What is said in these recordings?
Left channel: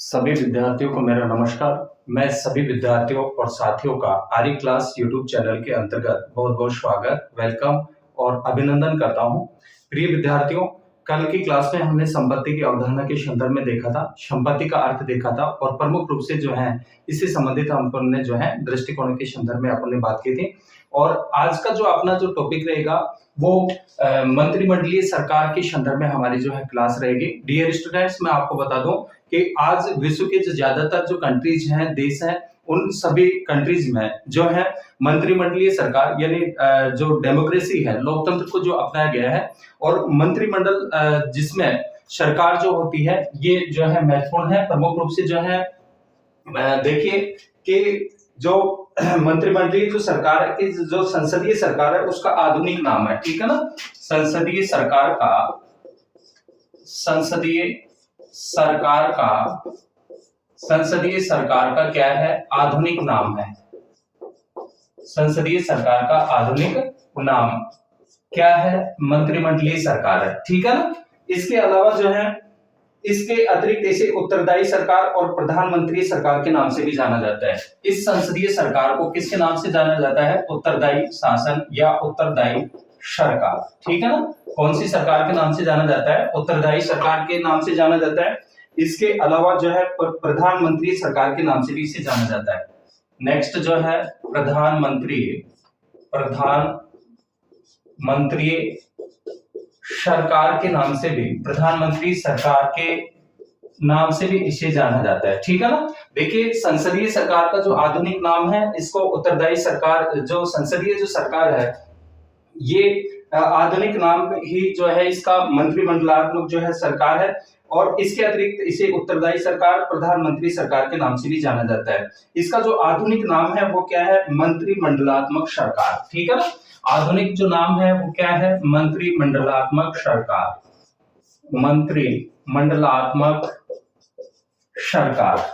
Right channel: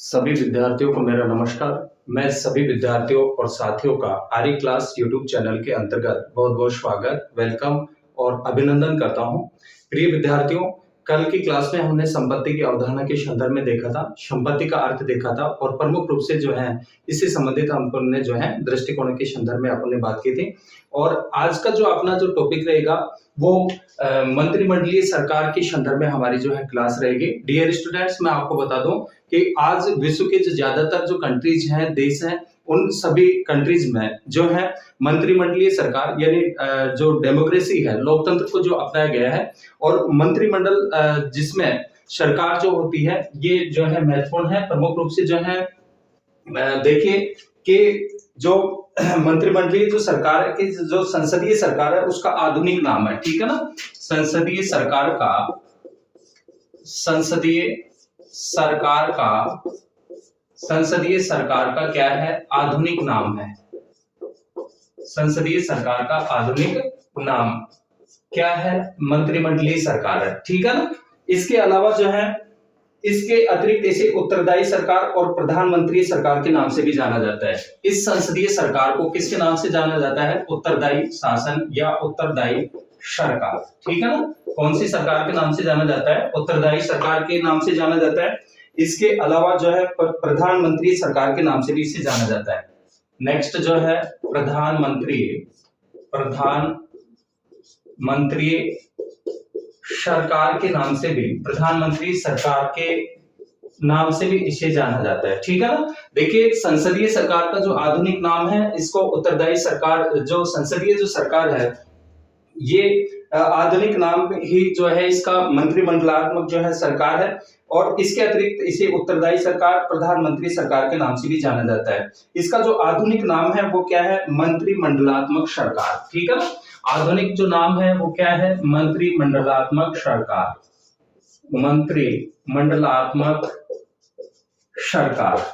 सभी विद्यार्थियों को मेरा नमस्कार। मैं सभी विद्यार्थियों और साथियों का आर्य क्लास यूट्यूब चैनल के अंतर्गत बहुत बहुत स्वागत, वेलकम और अभिनंदन करता हूं। प्रिय विद्यार्थियों, कल की क्लास में हमने संपत्ति की अवधारणा के संदर्भ में देखा था, संपत्ति का अर्थ देखा था और प्रमुख रूप से जो है इससे संबंधित हमने जो है दृष्टिकोण के संदर्भ में अपने बात की थी। और आज का जो अपना जो टॉपिक रहेगा वो मंत्रिमंडलीय सरकार के संदर्भ में हमारी जो है क्लास रहेगी। डियर स्टूडेंट्स, मैं आपको बता दूं कि आज विश्व के जो ज्यादातर जो कंट्रीज हैं, देश हैं, उन सभी कंट्रीज में जो है मंत्रिमंडलीय सरकार यानी जो डेमोक्रेसी है, लोकतंत्र को जो अपनाया गया है और मंत्रिमंडल जिसमें सरकार जो होती है ये जो है महत्वपूर्ण है। प्रमुख रूप से जो है देखिए कि जो मंत्रिमंडलीय जो सरकार है कि जो संसदीय सरकार है उसका आधुनिक नाम है, ठीक है ना। संसदीय सरकार का क्या है, आधुनिक नाम है। संसदीय सरकार का आधुनिक नाम क्या है, मंत्रिमंडलीय सरकार है, ठीक है ना। इसके अलावा जो है इसके अतिरिक्त इसे उत्तरदायी सरकार और प्रधानमंत्री सरकार के नाम से भी जाना जाता है। इस संसदीय सरकार को किसके नाम से जाना जाता है, उत्तरदायी शासन या उत्तरदायी सरकार, ठीक है ना। कौन सी सरकार के नाम से जाना जाता है, उत्तरदायी सरकार के नाम से जाना जाता है। इसके अलावा जो है प्रधानमंत्री सरकार के नाम से भी इसे जाना जाता है। नेक्स्ट जो है प्रधानमंत्री सरकार के नाम से भी, प्रधानमंत्री सरकार के नाम से भी इसे जाना जाता है, ठीक है ना। देखिए संसदीय सरकार का जो आधुनिक नाम है इसको उत्तरदायी सरकार, जो संसदीय जो सरकार है ये आधुनिक नाम ही जो है इसका मंत्रिमंडलात्मक जो है सरकार है। और इसके अतिरिक्त इसे उत्तरदायी सरकार, प्रधानमंत्री सरकार के नाम से भी जाना जाता है। इसका जो आधुनिक नाम है वो क्या है, मंत्रिमंडलात्मक सरकार, ठीक है ना। आधुनिक जो नाम है वो क्या है, मंत्रिमंडलात्मक सरकार, मंत्रिमंडलात्मक सरकार।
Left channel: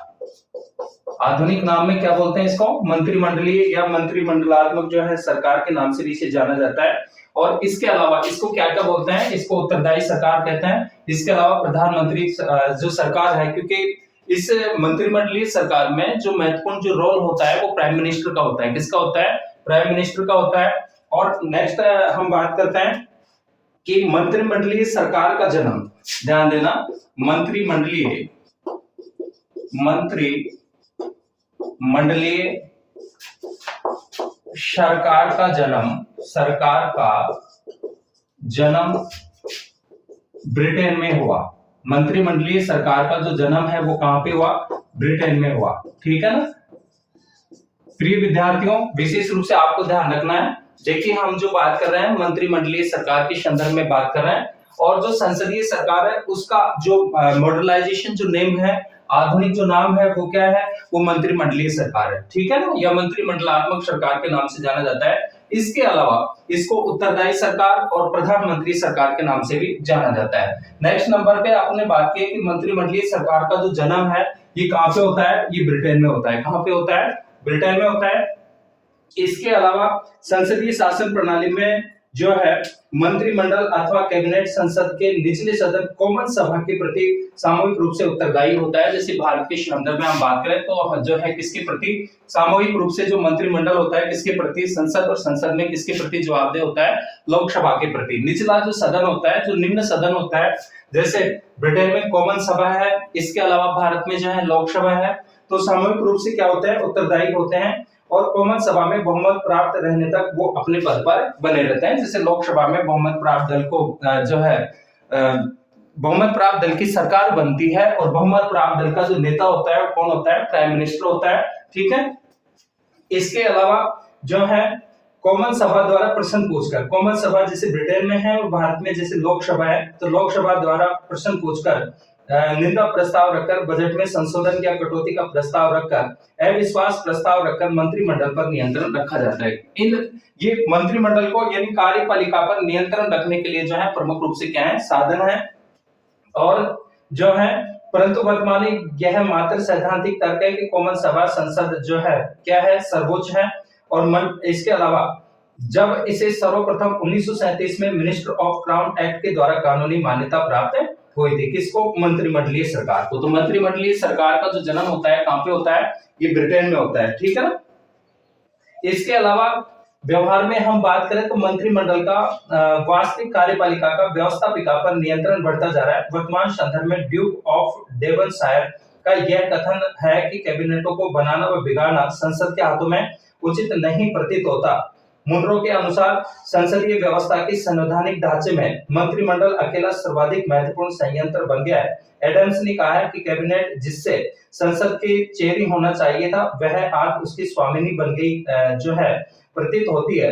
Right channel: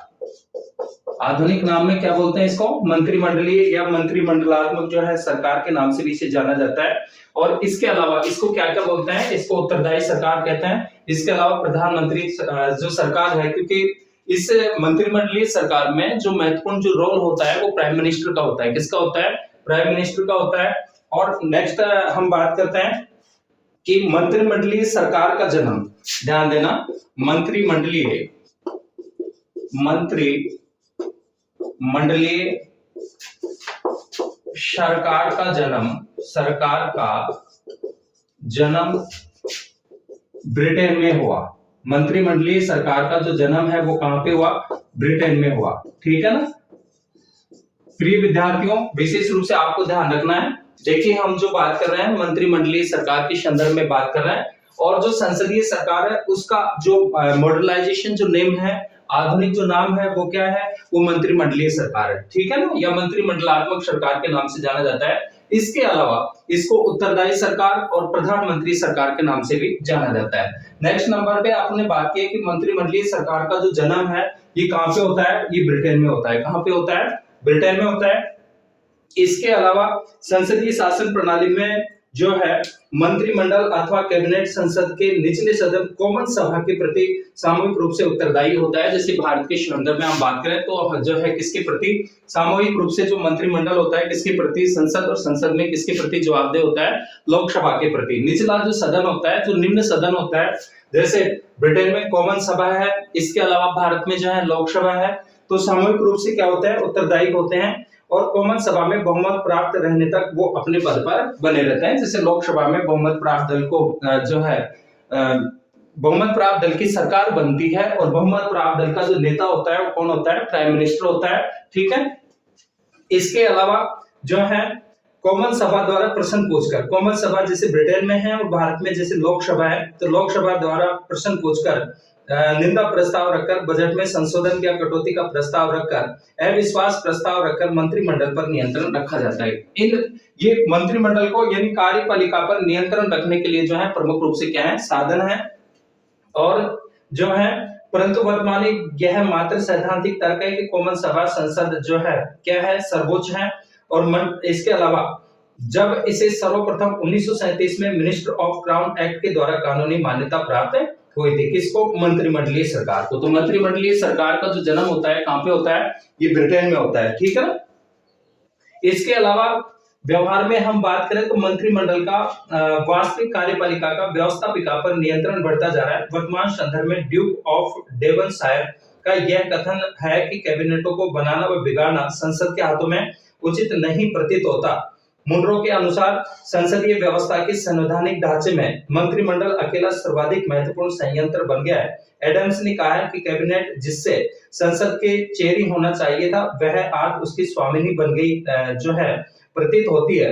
आधुनिक नाम में क्या बोलते हैं इसको, मंत्रिमंडलीय या मंत्रिमंडलात्मक जो है सरकार के नाम से भी इसे जाना जाता है। और इसके अलावा इसको क्या क्या बोलते हैं, इसको उत्तरदायी सरकार कहते हैं। इसके अलावा प्रधानमंत्री जो सरकार है, क्योंकि इस मंत्रिमंडलीय सरकार में जो महत्वपूर्ण जो रोल होता है वो प्राइम मिनिस्टर का होता है। किसका होता है, प्राइम मिनिस्टर का होता है। और नेक्स्ट हम बात करते हैं कि मंत्रिमंडलीय सरकार का जन्म, ध्यान देना, मंत्रिमंडलीय सरकार का जन्म ब्रिटेन में हुआ। मंत्रिमंडलीय सरकार का जो जन्म है वो कहां पे हुआ, ब्रिटेन में हुआ, ठीक है ना। प्रिय विद्यार्थियों, विशेष रूप से आपको ध्यान रखना है, देखिए हम जो बात कर रहे हैं मंत्रिमंडलीय सरकार के संदर्भ में बात कर रहे हैं और जो संसदीय सरकार है उसका जो मॉडर्नाइजेशन जो नेम है, आधुनिक जो नाम है वो क्या है, वो मंत्रिमंडलीय सरकार है, ठीक है ना, या मंत्रिमंडलात्मक सरकार के नाम से जाना जाता है। इसके अलावा इसको उत्तरदायी सरकार और प्रधानमंत्री सरकार के नाम से भी जाना जाता है। नेक्स्ट नंबर पे आपने बात की कि मंत्रिमंडलीय सरकार का जो जन्म है ये कहां पे होता है, ये ब्रिटेन में होता है। कहां पे होता है, ब्रिटेन में होता है। इसके अलावा संसदीय शासन प्रणाली में जो है मंत्रिमंडल अथवा कैबिनेट संसद के निचले सदन कॉमन सभा के प्रति सामूहिक रूप से उत्तरदायी होता है। जैसे भारत के संदर्भ में हम बात करें तो जो है किसके प्रति सामूहिक रूप से जो मंत्रिमंडल होता है किसके प्रति, संसद, और संसद में किसके प्रति जवाबदेह होता है, लोकसभा के प्रति। निचला जो सदन होता है, जो निम्न सदन होता है, जैसे ब्रिटेन में कॉमन सभा है, इसके अलावा भारत में जो है लोकसभा है, तो सामूहिक रूप से क्या होते हैं, उत्तरदायी होते हैं और कॉमन सभा में बहुमत प्राप्त रहने तक वो अपने पद पर बने रहते हैं। जैसे लोकसभा में बहुमत प्राप्त दल को जो है बहुमत प्राप्त दल की सरकार बनती है और बहुमत प्राप्त दल का जो नेता होता है वो कौन होता है, प्राइम मिनिस्टर होता है, ठीक है। इसके अलावा जो है कॉमन सभा द्वारा प्रश्न पूछकर, कॉमन सभा जैसे ब्रिटेन में है और भारत में जैसे लोकसभा है, तो लोकसभा द्वारा प्रश्न पूछकर, निंदा प्रस्ताव रखकर, बजट में संशोधन या कटौती का प्रस्ताव रखकर, अविश्वास प्रस्ताव रखकर मंत्रिमंडल पर नियंत्रण रखा जाता है। ये मंत्रिमंडल को यानी कार्यपालिका पर नियंत्रण रखने के लिए जो है प्रमुख रूप से क्या है, साधन है। और जो है परंतु वर्तमान में यह मात्र सैद्धांतिक तर्क है कि कॉमन सभा संसद जो है क्या है, सर्वोच्च है। और इसके अलावा जब इसे सर्वप्रथम 1937 में मिनिस्टर ऑफ क्राउन एक्ट के द्वारा कानूनी मान्यता प्राप्त हुई थी। किसको? मंत्रिमंडलीय सरकार को। तो मंत्रिमंडलीय सरकार का जो जन्म होता है कहां पे होता है? ये ब्रिटेन में होता है, ठीक है ना। इसके अलावा व्यवहार में हम बात करें तो मंत्रिमंडल का वास्तविक कार्यपालिका का व्यवस्थापिका पर नियंत्रण बढ़ता जा रहा है। वर्तमान संदर्भ में ड्यूक ऑफ डेवनशायर का यह कथन है कि कैबिनेटों को बनाना व बिगाड़ना संसद के हाथों में उचित नहीं प्रतीत होता। मुनरो के अनुसार संसदीय व्यवस्था के संवैधानिक ढांचे में मंत्रिमंडल अकेला सर्वाधिक महत्वपूर्ण संयंत्र बन गया है। एडम्स ने कहा है कि कैबिनेट जिससे संसद के चेहरी होना चाहिए था वह आज उसकी स्वामिनी बन गई जो है प्रतीत होती है।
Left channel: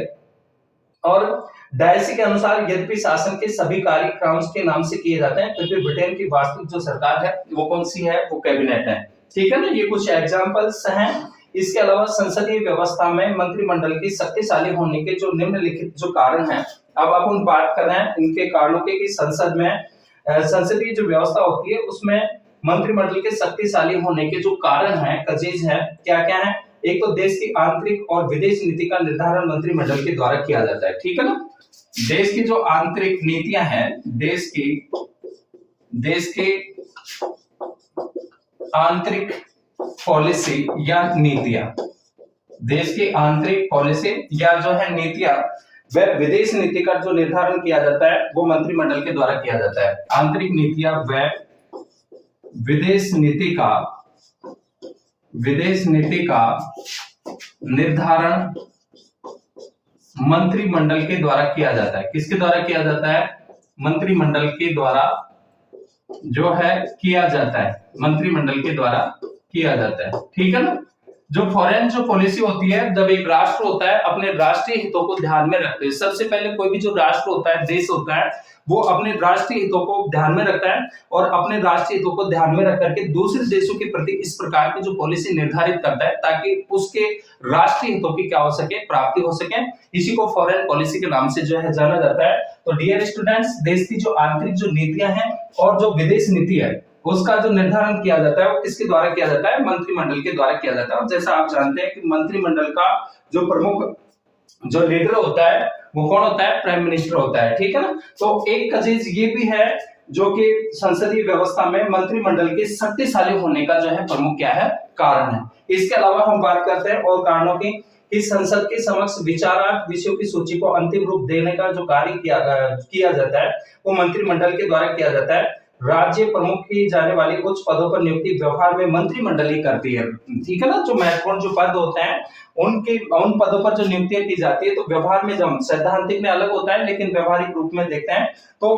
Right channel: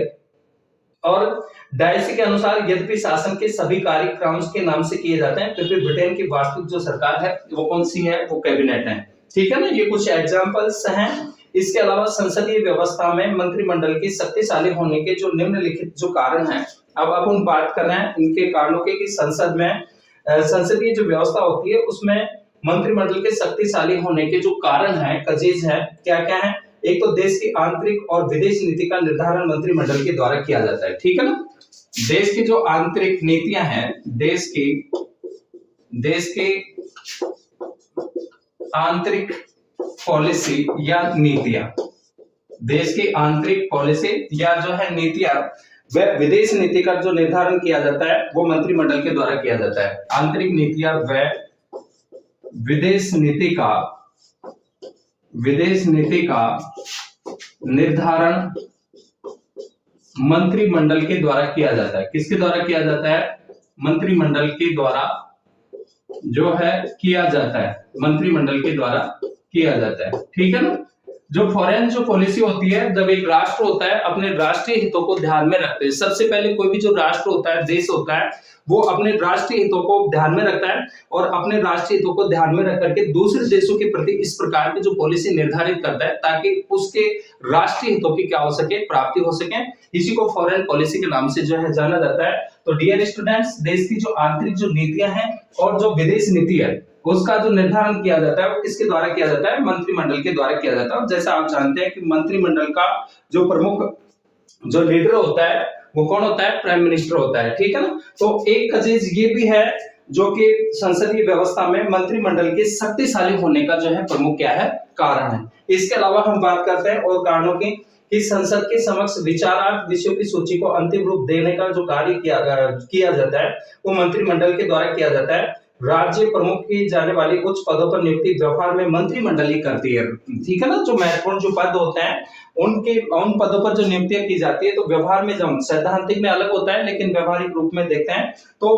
और डायसी के अनुसार यद्यपि शासन के सभी कार्य क्राउन्स के नाम से किए जाते हैं, फिर भी ब्रिटेन की वास्तविक जो सरकार है वो कौन सी है? वो कैबिनेट है, ठीक है ना। ये कुछ एग्जांपल्स हैं। इसके अलावा संसदीय व्यवस्था में मंत्रिमंडल के शक्तिशाली होने के जो निम्नलिखित जो कारण हैं, अब अपन बात कर रहे हैं इनके कारणों के कि संसद में संसदीय जो व्यवस्था होती है उसमें मंत्रिमंडल के शक्तिशाली होने के जो कारण हैं, कजेज है, क्या क्या है? एक तो देश की आंतरिक और विदेश नीति का निर्धारण मंत्रिमंडल के द्वारा किया जाता है, ठीक है ना। देश की जो आंतरिक नीतियां हैं, देश की आंतरिक पॉलिसी या नीतियां, देश की आंतरिक पॉलिसी या जो है नीतियां, वह विदेश नीति का जो निर्धारण किया जाता है वो मंत्रिमंडल के द्वारा किया जाता है। आंतरिक नीतियां व विदेश नीति का निर्धारण मंत्रिमंडल के द्वारा किया जाता है। किसके द्वारा किया जाता है? मंत्रिमंडल के द्वारा जो है किया जाता है, मंत्रिमंडल के द्वारा किया जाता है, ठीक है ना। जो फॉरेन जो पॉलिसी होती है, जब एक राष्ट्र होता है अपने राष्ट्रीय हितों को ध्यान में रखते हैं, सबसे पहले कोई भी जो राष्ट्र होता है, देश होता है, वो अपने राष्ट्रीय हितों को ध्यान में रखता है और अपने राष्ट्रीय हितों को ध्यान में रख करके दूसरे देशों के प्रति इस प्रकार की जो पॉलिसी निर्धारित करता है ताकि उसके राष्ट्रीय हितों की क्या हो सके? प्राप्ति हो सके। इसी को फॉरेन पॉलिसी के नाम से जो है जाना जाता है। तो डियर स्टूडेंट्स, देश की जो आंतरिक जो नीतियां हैं और जो विदेश नीति है उसका जो निर्धारण किया जाता है वो किसके द्वारा किया जाता है? मंत्रिमंडल के द्वारा किया जाता है। और जैसा आप जानते हैं कि मंत्रिमंडल का जो प्रमुख जो लीडर होता है वो कौन होता है? प्राइम मिनिस्टर होता है, ठीक है ना। तो एक चीज ये भी है जो कि संसदीय व्यवस्था में मंत्रिमंडल के शक्तिशाली होने का जो है प्रमुख क्या है? कारण है। इसके अलावा हम बात करते हैं और कारणों की कि संसद के समक्ष विचारार्थ विषयों की सूची को अंतिम रूप देने का जो कार्य किया जाता है वो मंत्रिमंडल के द्वारा किया जाता है। राज्य प्रमुख की जाने वाली उच्च पदों पर नियुक्ति व्यवहार में मंत्रिमंडल ही करती है, ठीक है ना। जो महत्वपूर्ण जो पद होते हैं उन पदों पर जो नियुक्तियां की जाती है, तो व्यवहार में जब सैद्धांतिक में अलग होता है लेकिन व्यवहारिक रूप में देखते हैं तो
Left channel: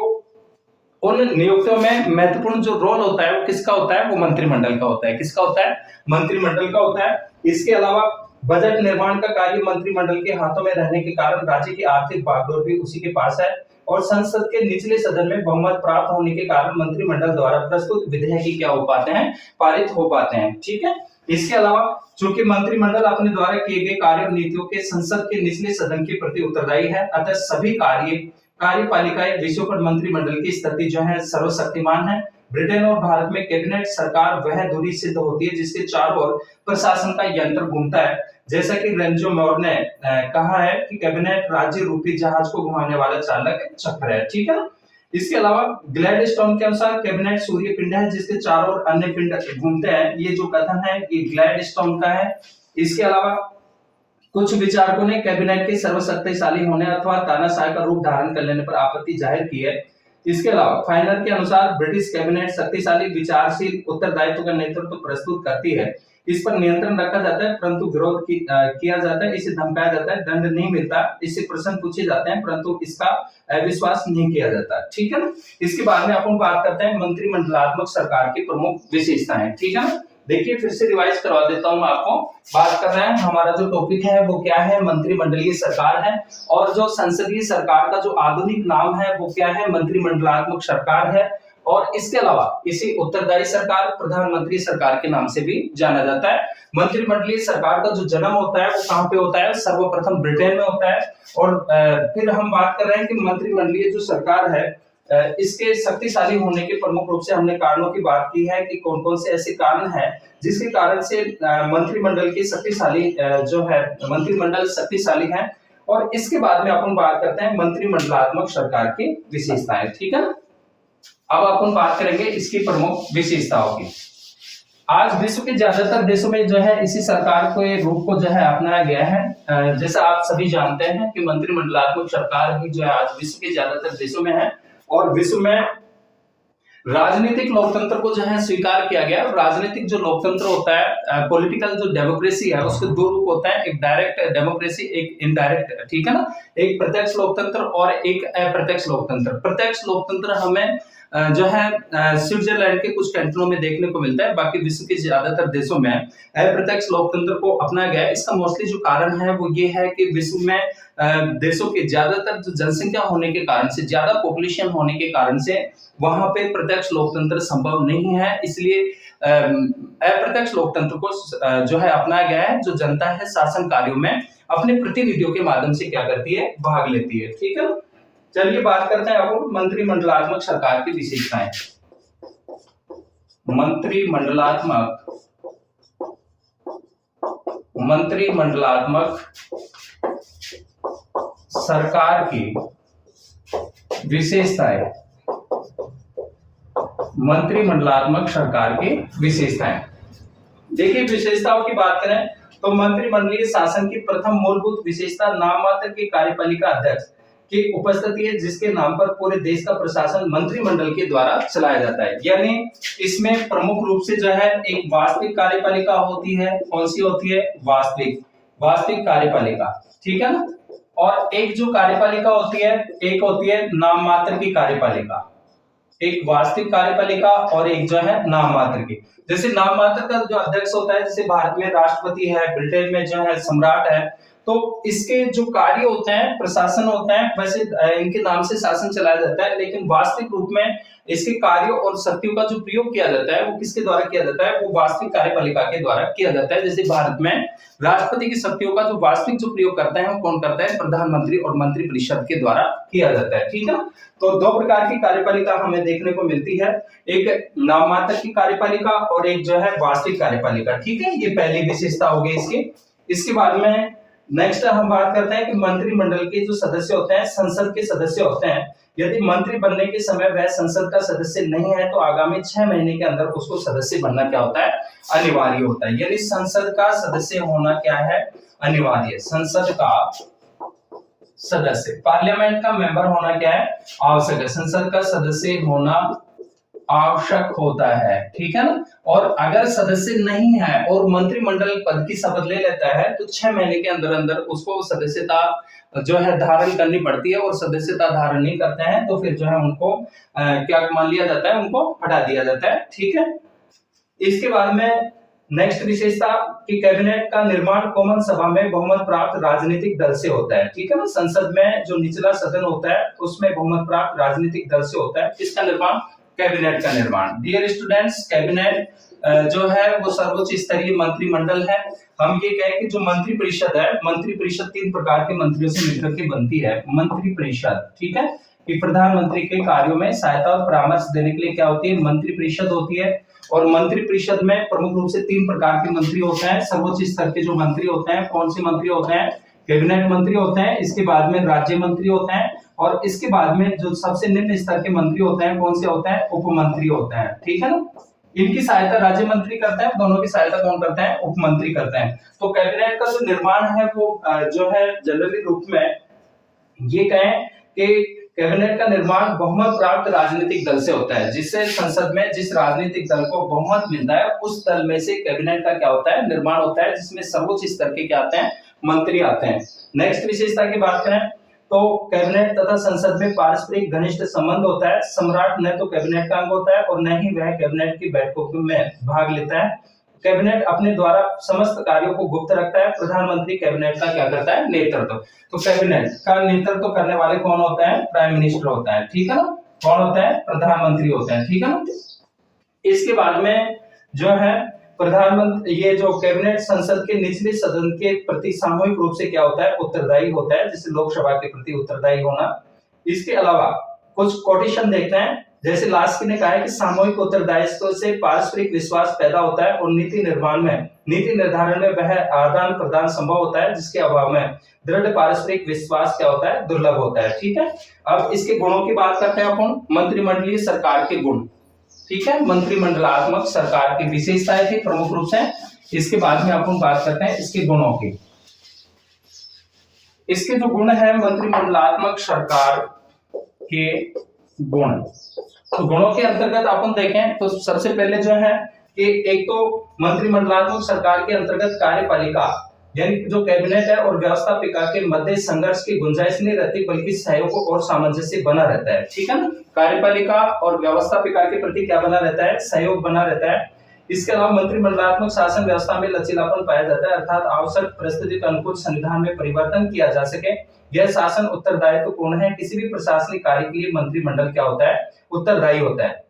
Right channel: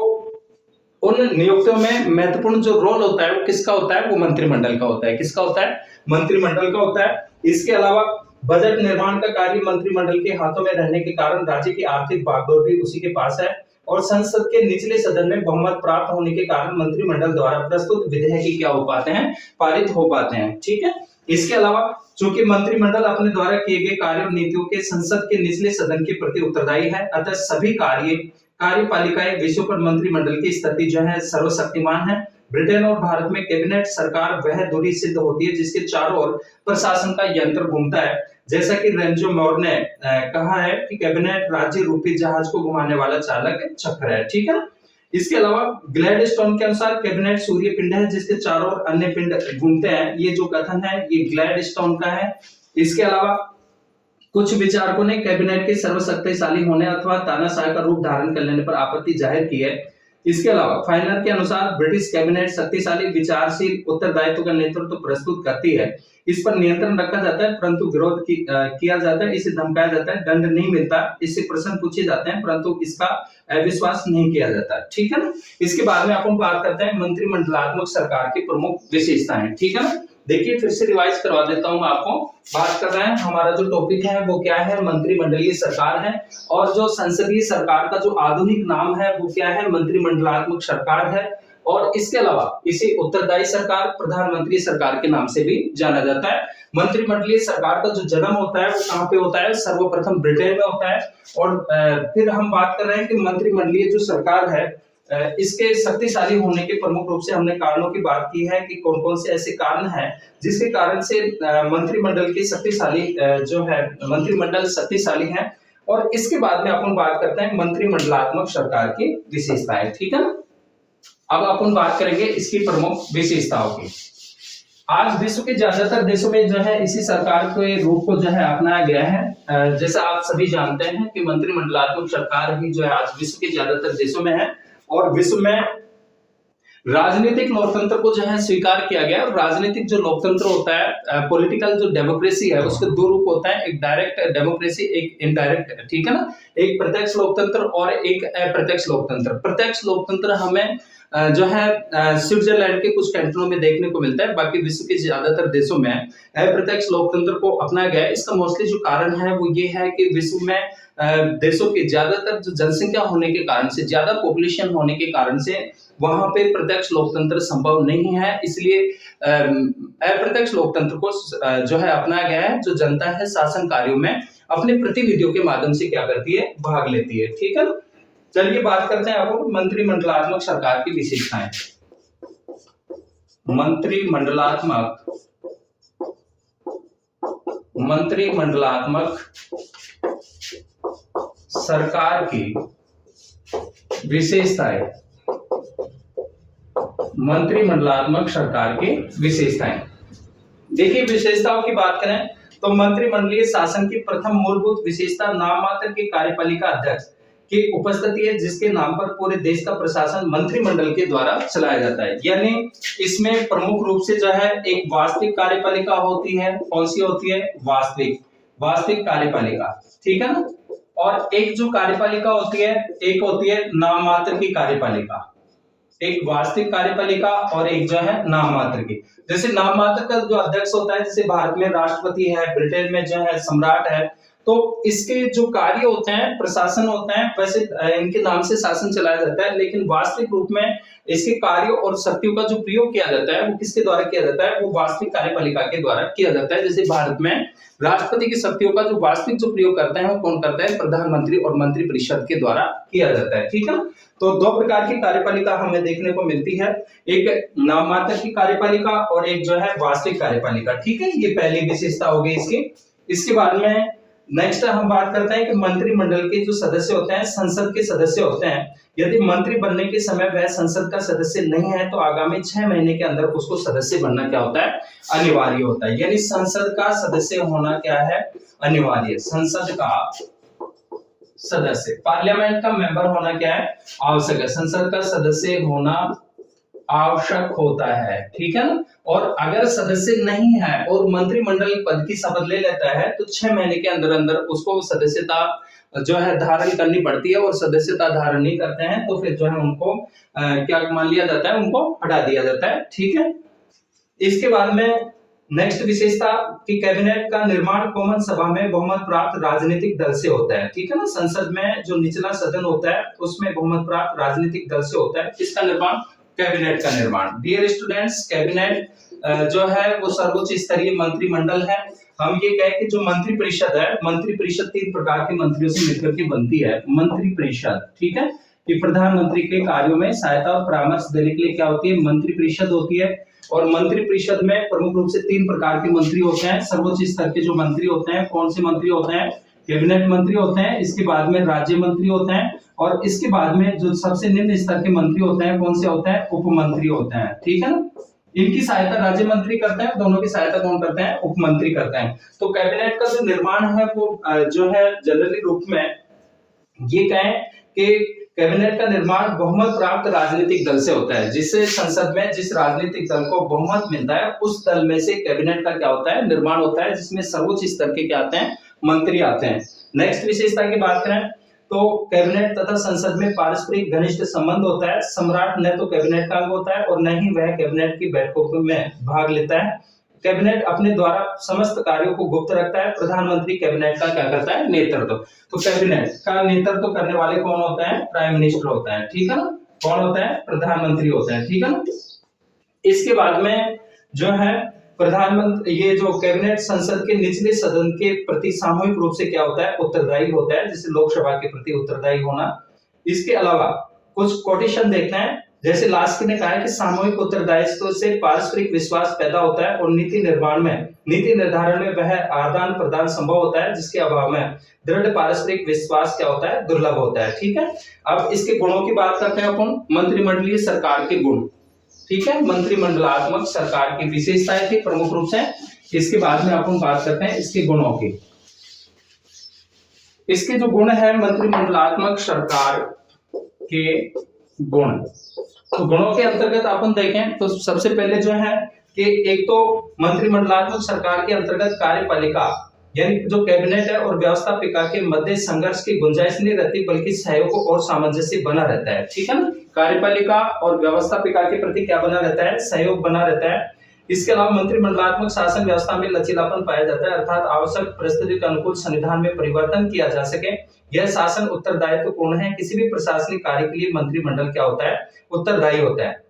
उन नियुक्तियों में महत्वपूर्ण जो रोल होता है वो किसका होता है? वो मंत्रिमंडल का होता है। किसका होता है? मंत्रिमंडल का होता है। इसके अलावा बजट निर्माण का कार्य मंत्रिमंडल के हाथों में रहने के कारण राज्य की आर्थिक बागडोर भी उसी के पास है और संसद के निचले सदन में बहुमत प्राप्त होने के कारण मंत्रिमंडल द्वारा प्रस्तुत विधेयक ही क्या हो पाते हैं? पारित हो पाते हैं, ठीक है। इसके अलावा चूंकि मंत्रिमंडल अपने द्वारा किए गए कार्य और नीतियों के संसद के निचले सदन के प्रति उत्तरदायी है, अतः सभी कार्यपालिकाएं विषयों पर मंत्रिमंडल की स्थिति जो है सर्वशक्तिमान है। ब्रिटेन और भारत में कैबिनेट सरकार वह धुरी सिद्ध होती है जिसके चारों ओर प्रशासन का यंत्र घूमता है। जैसा कि रेंजो मॉर ने कहा है कि कैबिनेट राज्य रूपी जहाज को घुमाने वाला चालक चक्र है, ठीक है ना। इसके अलावा ग्लैडस्टोन के अनुसार कैबिनेट सूर्य पिंड है जिसके चारों ओर अन्य पिंड घूमते हैं। ये जो कथन है ये ग्लैडस्टोन का है। इसके अलावा कुछ विचारकों ने कैबिनेट के सर्वशक्तिशाली होने अथवा तानाशाह का रूप धारण कर लेने पर आपत्ति जाहिर की है। इसके अलावा फाइनर के अनुसार ब्रिटिश कैबिनेट शक्तिशाली विचारशील उत्तरदायित्व का नेतृत्व प्रस्तुत करती है। इस पर नियंत्रण रखा जाता है परंतु विरोध किया जाता है, इसे धमकाया जाता है, दंड नहीं मिलता, इससे प्रश्न पूछे जाते हैं परंतु इसका अविश्वास नहीं किया जाता, ठीक है ना। इसके बाद में अपन बात करते हैं मंत्रिमंडलात्मक सरकार की प्रमुख विशेषताएं, ठीक है ना। देखिए फिर से रिवाइज करवा देता हूं आपको। बात कर रहे हैं हमारा जो टॉपिक है वो क्या है? मंत्रिमंडलीय सरकार है। और जो संसदीय सरकार का जो आधुनिक नाम है वो क्या है? मंत्रिमंडलात्मक सरकार है। और इसके अलावा इसे उत्तरदायी सरकार, प्रधानमंत्री सरकार के नाम से भी जाना जाता है। मंत्रिमंडलीय सरकार का जो जन्म होता है वो कहां पे होता है? सर्वप्रथम ब्रिटेन में होता है। और फिर हम बात कर रहे हैं कि मंत्रिमंडलीय जो सरकार है इसके शक्तिशाली होने के प्रमुख रूप से हमने कारणों की बात की है कि कौन कौन से ऐसे कारण हैं जिसके कारण से मंत्रिमंडल की शक्तिशाली जो है मंत्रिमंडल शक्तिशाली है। और इसके बाद में अपन बात करते हैं मंत्रिमंडलात्मक सरकार की विशेषताएं, ठीक है ना। अब अपन बात करेंगे इसकी प्रमुख विशेषताओं की। आज विश्व के ज्यादातर देशों में जो है इसी सरकार के रूप को जो है अपनाया गया है। जैसा आप सभी जानते हैं कि मंत्रिमंडलात्मक सरकार ही जो है आज विश्व के ज्यादातर देशों में है, और विश्व में राजनीतिक लोकतंत्र को जो है स्वीकार किया गया। राजनीतिक जो लोकतंत्र होता है, पॉलिटिकल जो डेमोक्रेसी है, उसके दो रूप होता है, एक डायरेक्ट डेमोक्रेसी, एक इनडायरेक्ट, ठीक है ना। एक प्रत्यक्ष लोकतंत्र और एक अप्रत्यक्ष लोकतंत्र। प्रत्यक्ष लोकतंत्र हमें जो है स्विट्जरलैंड के कुछ कैंटनों में देखने को मिलता है, बाकी विश्व के ज्यादातर देशों में अप्रत्यक्ष लोकतंत्र को अपनाया गया है। इसका मोस्टली जो कारण है वो ये है कि विश्व में देशों के ज्यादातर जो जनसंख्या होने के कारण से, ज्यादा पॉपुलेशन होने के कारण से वहां पे प्रत्यक्ष लोकतंत्र संभव नहीं है, इसलिए अप्रत्यक्ष लोकतंत्र को जो है अपनाया गया है, जो जनता है शासन कार्यों में अपने प्रतिनिधियों के माध्यम से क्या करती है, भाग लेती है, ठीक है। चलिए बात करते हैं अब मंत्रिमंडलात्मक सरकार की विशेषताएं। मंत्रिमंडलात्मक सरकार की विशेषताएं। मंत्रिमंडलात्मक सरकार की विशेषताएं। देखिए विशेषताओं की बात करें तो मंत्रिमंडलीय शासन की प्रथम मूलभूत विशेषता नाम मात्र के कार्यपालिका अध्यक्ष की उपस्थिति है, जिसके नाम पर पूरे देश का प्रशासन मंत्रिमंडल के द्वारा चलाया जाता है। यानी इसमें प्रमुख रूप से जो है एक वास्तविक कार्यपालिका होती है। कौन सी होती है? वास्तविक कार्यपालिका, ठीक है ना। और एक जो कार्यपालिका होती है, एक होती है नाम मात्र की कार्यपालिका। एक वास्तविक कार्यपालिका और एक जो है नाम मात्र की। जैसे नाम मात्र का जो अध्यक्ष होता है, जैसे भारत में राष्ट्रपति है, ब्रिटेन में जो है सम्राट है, तो इसके जो कार्य होते हैं, प्रशासन होता है, वैसे इनके नाम से शासन चलाया जाता है, लेकिन वास्तविक रूप में इसके कार्यों और शक्तियों का जो प्रयोग किया जाता है वो किसके द्वारा किया जाता है? वो वास्तविक कार्यपालिका के द्वारा किया जाता है। जैसे भारत में राष्ट्रपति की शक्तियों का जो वास्तविक जो प्रयोग करता है वो कौन करता है? प्रधानमंत्री और मंत्रिपरिषद के द्वारा किया जाता है, ठीक है। तो दो प्रकार की कार्यपालिका हमें देखने को मिलती है, एक नाम मात्र की कार्यपालिका और एक जो है वास्तविक कार्यपालिका, ठीक है। ये पहली विशेषता हो गई इसकी। इसके बाद में नेक्स्ट हम बात करते हैं कि मंत्रिमंडल के जो सदस्य होते हैं, संसद के सदस्य होते हैं, यदि मंत्री बनने के समय वह संसद का सदस्य नहीं है तो आगामी 6 महीने के अंदर उसको सदस्य बनना क्या होता है? अनिवार्य होता है। यानी संसद का सदस्य होना क्या है? अनिवार्य। संसद का सदस्य, पार्लियामेंट का मेंबर होना क्या है? आवश्यक है। संसद का सदस्य होना आवश्यक होता है, ठीक है ना। और अगर सदस्य नहीं है और मंत्रिमंडल पद की शपथ ले लेता है तो 6 महीने के अंदर अंदर उसको सदस्यता जो है धारण करनी पड़ती है, और सदस्यता धारण नहीं करते हैं तो फिर जो है उनको क्या मान लिया जाता है? उनको हटा दिया जाता है, ठीक है। इसके बाद में नेक्स्ट विशेषता कि कैबिनेट का निर्माण कॉमन सभा में बहुमत प्राप्त राजनीतिक दल से होता है, ठीक है ना। संसद में जो निचला सदन होता है उसमें बहुमत प्राप्त राजनीतिक दल से होता है। किसका निर्माण? कैबिनेट का निर्माण। डियर स्टूडेंट्स, कैबिनेट जो है वो सर्वोच्च स्तरीय मंत्रिमंडल है। हम ये कहें कि जो मंत्रिपरिषद है, मंत्रिपरिषद 3 प्रकार के मंत्रियों से मिलकर के बनती है। मंत्रिपरिषद, ठीक है, कि प्रधानमंत्री के कार्यों में सहायता और परामर्श देने के लिए क्या होती है? मंत्रिपरिषद होती है। और मंत्रिपरिषद में प्रमुख रूप से 3 प्रकार के मंत्री होते हैं। सर्वोच्च स्तर के जो मंत्री होते हैं, कौन से मंत्री होते हैं? कैबिनेट मंत्री होते हैं। इसके बाद में राज्य मंत्री होते हैं, और इसके बाद में जो सबसे निम्न स्तर के मंत्री होते हैं, कौन से होते हैं? उपमंत्री होते हैं, ठीक है ना। इनकी सहायता राज्य मंत्री करते हैं, दोनों की सहायता कौन करते हैं? उपमंत्री करते हैं। तो कैबिनेट का जो निर्माण है वो जो है जनरली रूप में ये कहें कि कैबिनेट का निर्माण बहुमत प्राप्त राजनीतिक दल से होता है। जिससे संसद में जिस राजनीतिक दल को बहुमत मिलता है उस दल में से कैबिनेट का क्या होता है? निर्माण होता है, जिसमें सर्वोच्च स्तर के क्या आते हैं? मंत्री आते हैं। नेक्स्ट विशेषता की बात करें तो कैबिनेट तथा संसद में पारस्परिक घनिष्ठ संबंध होता है। सम्राट न तो कैबिनेट का अंग होता है और न ही वह कैबिनेट की बैठकों में भाग लेता है। कैबिनेट अपने द्वारा समस्त कार्यों को गुप्त रखता है। प्रधानमंत्री कैबिनेट का क्या करता है? नेतृत्व। तो कैबिनेट का नेतृत्व करने वाले कौन होता है? प्राइम मिनिस्टर होता है, ठीक है ना। कौन होता है? प्रधानमंत्री होता है, ठीक है ना। इसके बाद में जो है प्रधानमंत्री, ये जो कैबिनेट संसद के निचले सदन के प्रति सामूहिक रूप से क्या होता है? उत्तरदायी होता है, जैसे लोकसभा के प्रति उत्तरदायी होना। इसके अलावा कुछ कोटेशन देखते हैं, जैसे लास्की ने कहा है कि सामूहिक उत्तरदायित्व से पारस्परिक विश्वास पैदा होता है और नीति निर्धारण में वह आदान प्रदान संभव होता है जिसके अभाव में दृढ़ पारस्परिक विश्वास क्या होता है, दुर्लभ होता है। ठीक है, अब इसके गुणों की बात करते हैं अपन। मंत्रिमंडलीय सरकार के गुण, ठीक है, मंत्रिमंडलात्मक सरकार की विशेषताएं थी प्रमुख रूप से। इसके बाद में अपन बात करते हैं इसके गुणों की। इसके जो गुण है मंत्रिमंडलात्मक सरकार के गुण, तो गुणों के अंतर्गत अपन देखें तो सबसे पहले जो है कि एक तो मंत्रिमंडलात्मक सरकार के अंतर्गत कार्यपालिका यानी जो कैबिनेट है और व्यवस्थापिका के मध्य संघर्ष की गुंजाइश नहीं रहती बल्कि सहयोग और सामंजस्य बना रहता है। ठीक है ना, कार्यपालिका और व्यवस्थापिका के प्रति क्या बना रहता है, सहयोग बना रहता है। इसके अलावा मंत्रिमंडलात्मक शासन व्यवस्था में लचीलापन पाया जाता है, अर्थात आवश्यक परिस्थिति के अनुकूल संविधान में परिवर्तन किया जा सके। यह शासन उत्तरदायित्वपूर्ण है, किसी भी प्रशासनिक कार्य के लिए मंत्रिमंडल क्या होता है, उत्तरदायी होता है।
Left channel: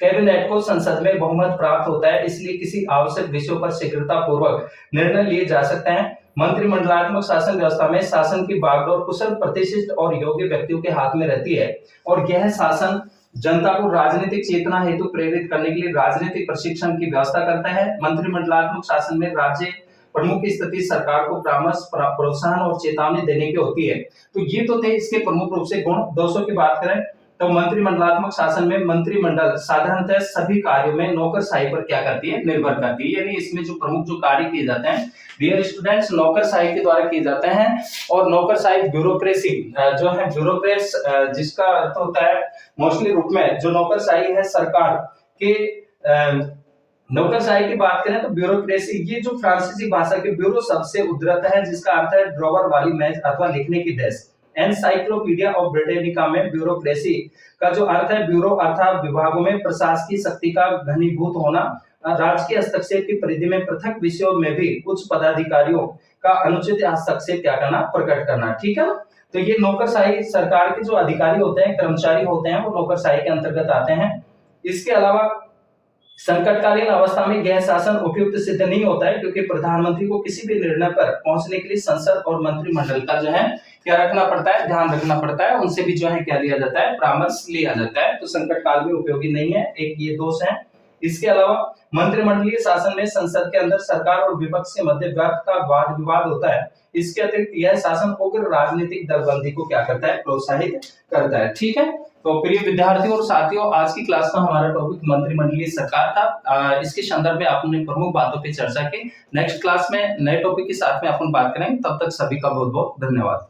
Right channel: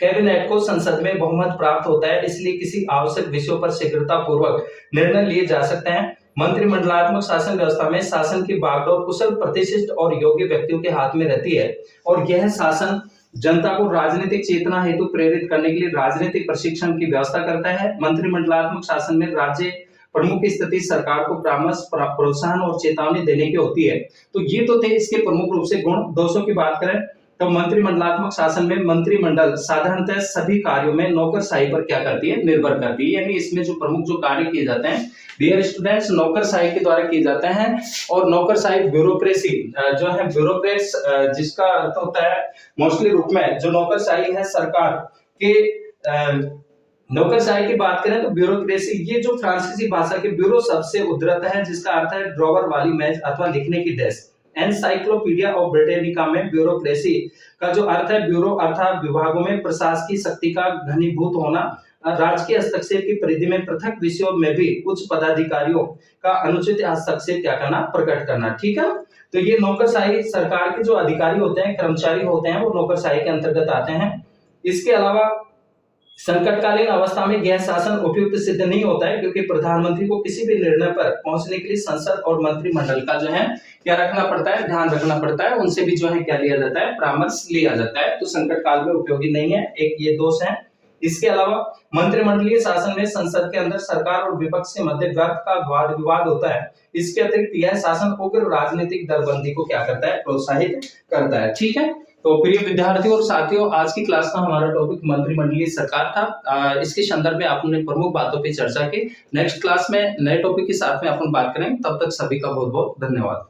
कैबिनेट को संसद में बहुमत प्राप्त होता है, इसलिए किसी आवश्यक विषयों पर शीघ्रता पूर्वक निर्णय लिए जा सकते हैं। मंत्रिमंडलात्मक शासन व्यवस्था में शासन की बागडोर कुशल, प्रतिष्ठित और योग्य व्यक्तियों के हाथ में रहती है और यह शासन जनता को राजनीतिक चेतना हेतु प्रेरित करने के लिए राजनीतिक प्रशिक्षण की व्यवस्था करता है। मंत्रिमंडलात्मक शासन में राज्य प्रमुख की स्थिति सरकार को परामर्श, प्रोत्साहन और चेतावनी देने की होती है। तो ये तो थे इसके प्रमुख रूप से गुण। दोस्तों की बात करें तो मंत्रिमंडलात्मक शासन में मंत्रिमंडल साधारणतः सभी कार्यों में नौकरशाही पर क्या करती है, निर्भर करती है। यानी इसमें जो प्रमुख जो कार्य किए जाते हैं डियर स्टूडेंट्स, नौकरशाही के द्वारा किए जाते हैं। और नौकरशाही ब्यूरोक्रेसी जो है, ब्यूरोक्रेट्स जिसका अर्थ होता है मोस्टली रूप में जो नौकरशाही है सरकार के नौकरशाही की बात करें तो ब्यूरोक्रेसी, ये जो फ्रांसीसी भाषा के ब्यूरो शब्द से उद्धृत है जिसका अर्थ है ड्रॉवर वाली मेज अथवा लिखने की डेस्क। एनसाइक्लोपीडिया ऑफ ब्रिटानिका में ब्यूरोक्रेसी का जो अर्थ है ब्यूरो अर्थात विभागों में प्रशासकीय शक्ति का घनीभूत होना, राजकीय हस्तक्षेप की परिधि में पृथक विषयों में भी उच्च पदाधिकारियों का अनुचित हस्तक्षेप क्या करना, प्रकट करना। ठीक है, तो ये नौकरशाही सरकार के जो अधिकारी होते हैं, कर्मचारी होते हैं, वो नौकरशाही के अंतर्गत आते हैं। इसके अलावा संकटकालीन अवस्था में यह शासन उपयुक्त सिद्ध नहीं होता है क्योंकि प्रधानमंत्री को किसी भी निर्णय पर पहुंचने के लिए संसद और मंत्रिमंडल का जो है क्या रखना पड़ता है, ध्यान रखना पड़ता है। उनसे भी जो है क्या लिया जाता है, परामर्श लिया जाता है। तो संकट काल में उपयोगी नहीं है, एक ये दोष है। इसके अलावा मंत्रिमंडलीय शासन में संसद के अंदर सरकार और विपक्ष के मध्य व्यर्थ का वाद विवाद होता है। इसके अतिरिक्त यह शासन उग्र राजनीतिक दलबंदी को क्या करता है, प्रोत्साहित करता है। ठीक है, तो प्रिय विद्यार्थियों और साथियों, आज की क्लास का हमारा टॉपिक मंत्रिमंडलीय सरकार था। इसके संदर्भ में आपने प्रमुख बातों पर चर्चा की। नेक्स्ट क्लास में नए टॉपिक के साथ में अपन बात करेंगे। तब तक सभी का बहुत बहुत धन्यवाद।